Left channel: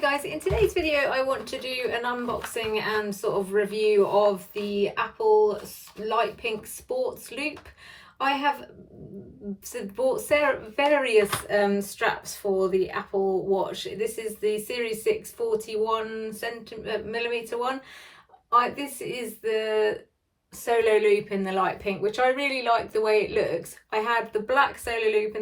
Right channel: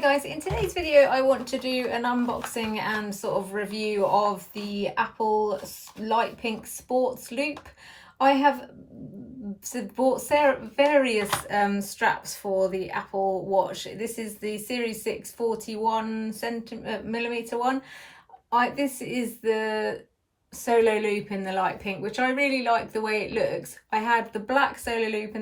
Hi guys, in today's video I want to do an unboxing and sort of review of the Apple Light Pink Sports Loop. I have bought various straps for the Apple Watch. This is the Series 6 41mm one. This is the solo loop in the light pink, which I really like the way it looks. I had the black solo loop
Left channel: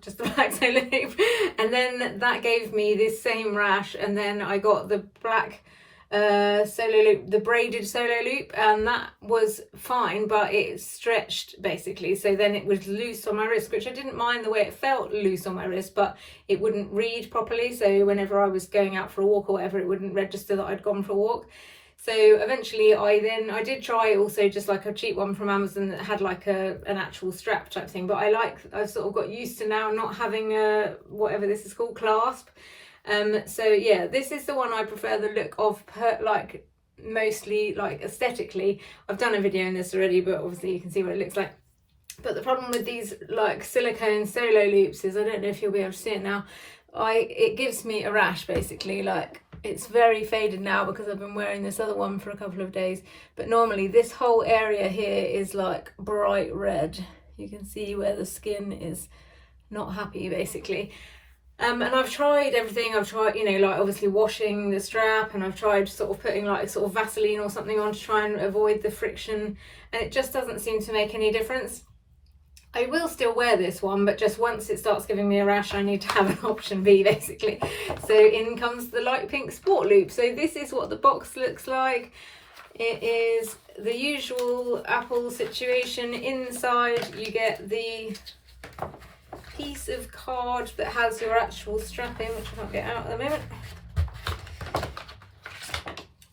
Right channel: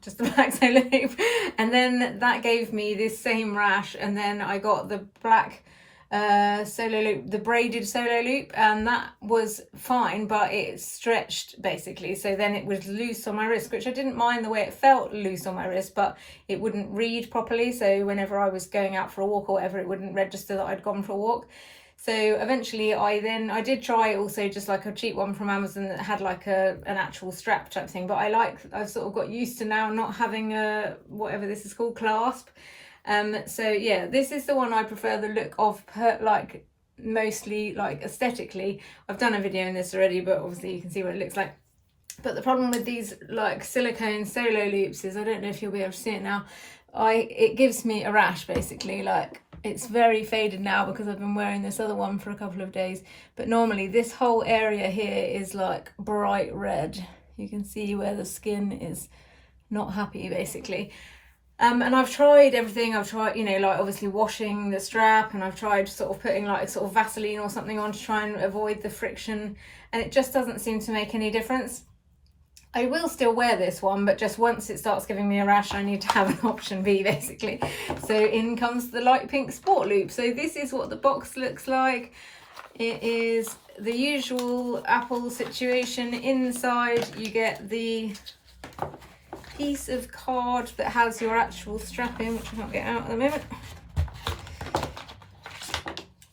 just the black solo loop, and then that gave me this same rash, and then I got the black solo loop, the braided solo loop, and that was fine, but it stretched basically, so then it was loose on my wrist, which I didn't mind the way it felt loose on my wrist, but it wouldn't read properly, so whenever I was going out for a walk or whatever, it wouldn't register that I'd gone for a walk. So eventually I did try also just like a cheap one from Amazon that had like an actual strap type thing, but I've sort of got used to now not having a, whatever this is called, clasp. So yeah, this is the one I prefer the look of, like mostly like aesthetically. I've done a video on this already, but obviously you can see what it looks like. But the problem with these like silicone solo loops is, I don't know if you'll be able to see it now, it gives me a rash basically. Like, it's very faded now because I've been wearing this other one for a couple of days, but normally this whole area here is like bright red. You can see where the skin is not happy basically. And I've tried everything. I've tried, you know, like obviously washing the strap, and I've tried sort of putting like sort of Vaseline or something on to try and avoid the friction, and it just doesn't seem to make any difference. I will still wear this one, but just once it starts giving me a rash, I need to have an option B basically. So in comes the light pink sport loop. So this is what the box looks like. It is the usual Apple situation. Inside you get the piece of card that has your actual strap in, which I can't get out at the moment.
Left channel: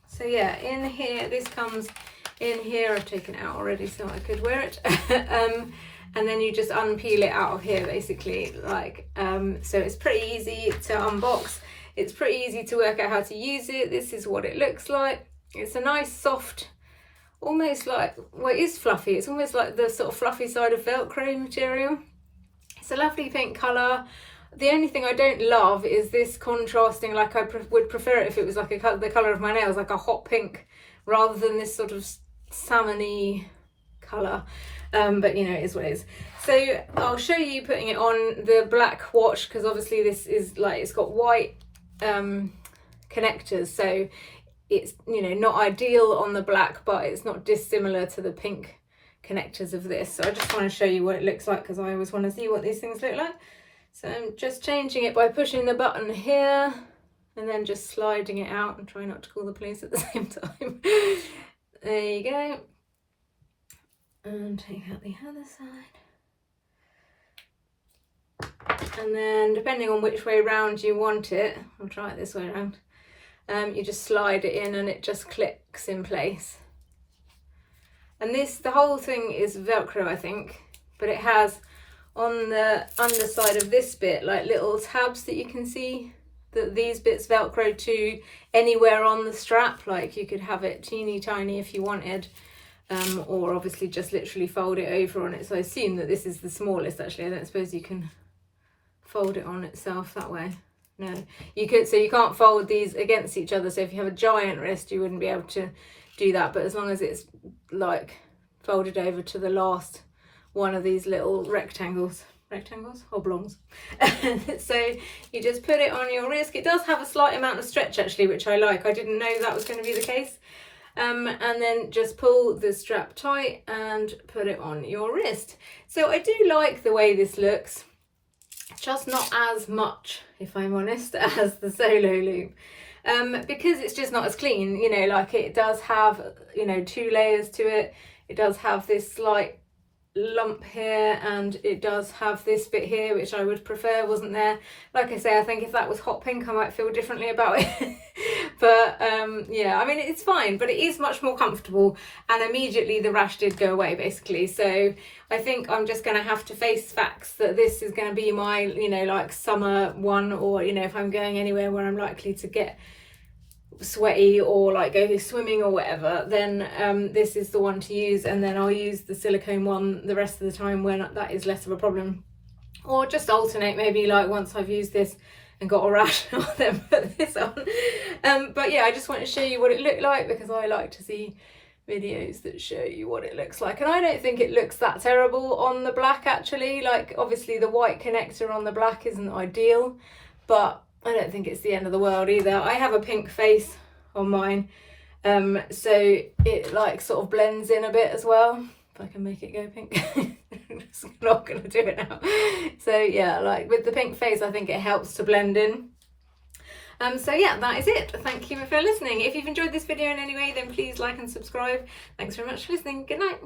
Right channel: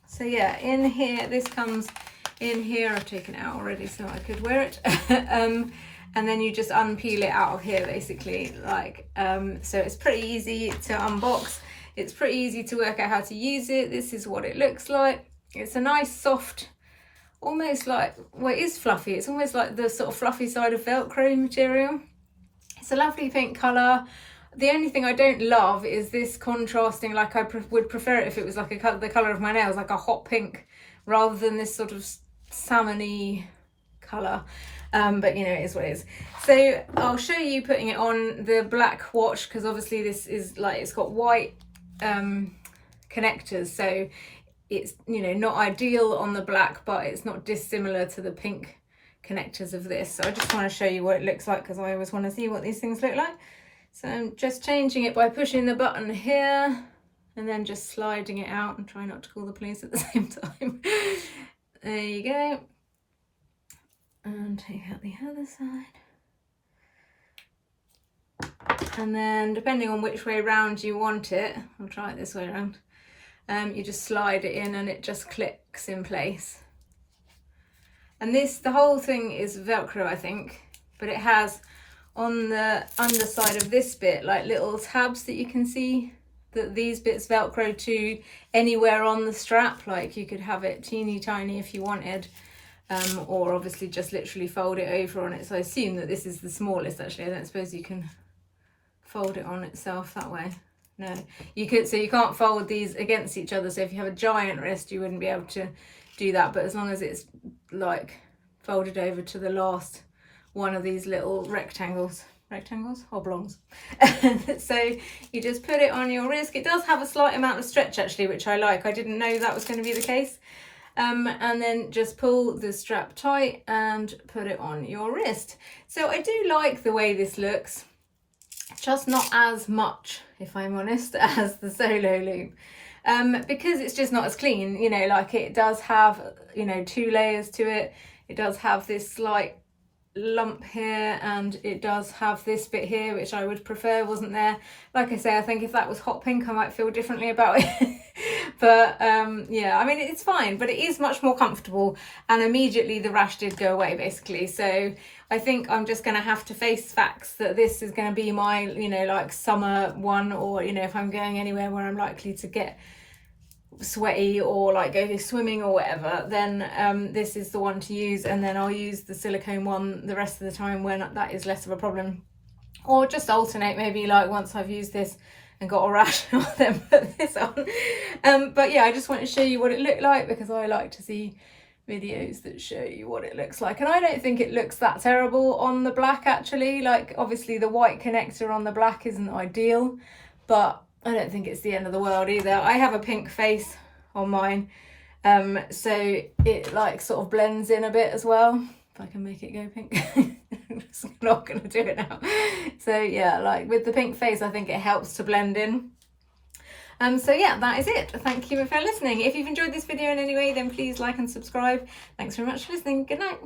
So yeah, in here, this comes in here. I've taken it out already so I could wear it. And then you just unpeel it out of here basically, like so it's pretty easy to unbox. It's pretty easy to work out how to use it. This is what it looks like. It's a nice soft, almost like, well, it is fluffy, it's almost like the sort of fluffy side of Velcro material. It's a lovely pink colour. The only thing I don't love is this contrasting, like I would prefer it if it was like the colour of my nails, like a hot pink, rather than this sort of salmon-y colour. But you know, it is what it is. So I'll show you putting it on the black watch, because obviously this is like, it's got white connectors, so it's, you know, not ideal on the black, but it's not dissimilar to the pink connectors of this. So I just want to show you what it looks like, because I always want to see what these things look like. So I'm just changing it by pushing the button here and then just sliding it out, and try not to call the police at the same time. There you go. And take out the other side. And then depending on which way round you want it, I'll try it this way around, you just slide it in and it just clicks in place. And the whole thing is Velcro, I think, but it has on the underside of this bit like little tabs that you can see, that these bits Velcro to anywhere on the strap. Like you could have it teeny tiny if you wanted, or obviously just literally fold it over on it. So I assume that this is the smallest actually. I don't suppose you can fold it on itself that way. No, you could, so you can't fold these against each other. So if you have a giant wrist, you wouldn't be able to do that, but as long as it's like folded over to the last one of these little rectangles, oblongs. So you just put it on your wrist. It does have a slight amount of stretch actually, which I like. I didn't know that was going to be the case. And then just pull the strap tight and put it on your wrist. So I do like the way this looks, just not as much, if I'm honest, as the solo loop. Because it's just not as clean, you know, like it does have, you know, 2 layers to it. It does have this slight lump here, and it does have this bit here, which I would prefer wasn't there. Like I say, I think if that was hot pink, I might feel differently about it. But yeah, I mean, it's fine, but it is much more comfortable, and immediately the rash did go away basically. So I think I'm just going to have to face facts that this is going to be my, you know, like summer one, or, you know, if I'm going anywhere where I'm likely to get sweaty or like go swimming or whatever, then this is the one to use, and then I'll use the silicone one the rest of the time when that is less of a problem. Or just alternate, maybe like once I've used this and got a rash, I'll then put this on. But yeah, I just want to show you what it looked like, because I like to see videos that show you what it looks like. And I don't think it looks that terrible on the black, actually. Like, obviously the white connector on the black isn't ideal, but I don't think it's the end of the world either. I have a pink face on mine, so it like sort of blends in a bit as well. If I can make it go pink. I'm just not gonna do it now. So yeah, like with the pink face, I think it helps to blend in. So yeah, that is it. Thank you for listening. If you've enjoyed this video in any way, then please like and subscribe. Thanks very much for listening. Good night.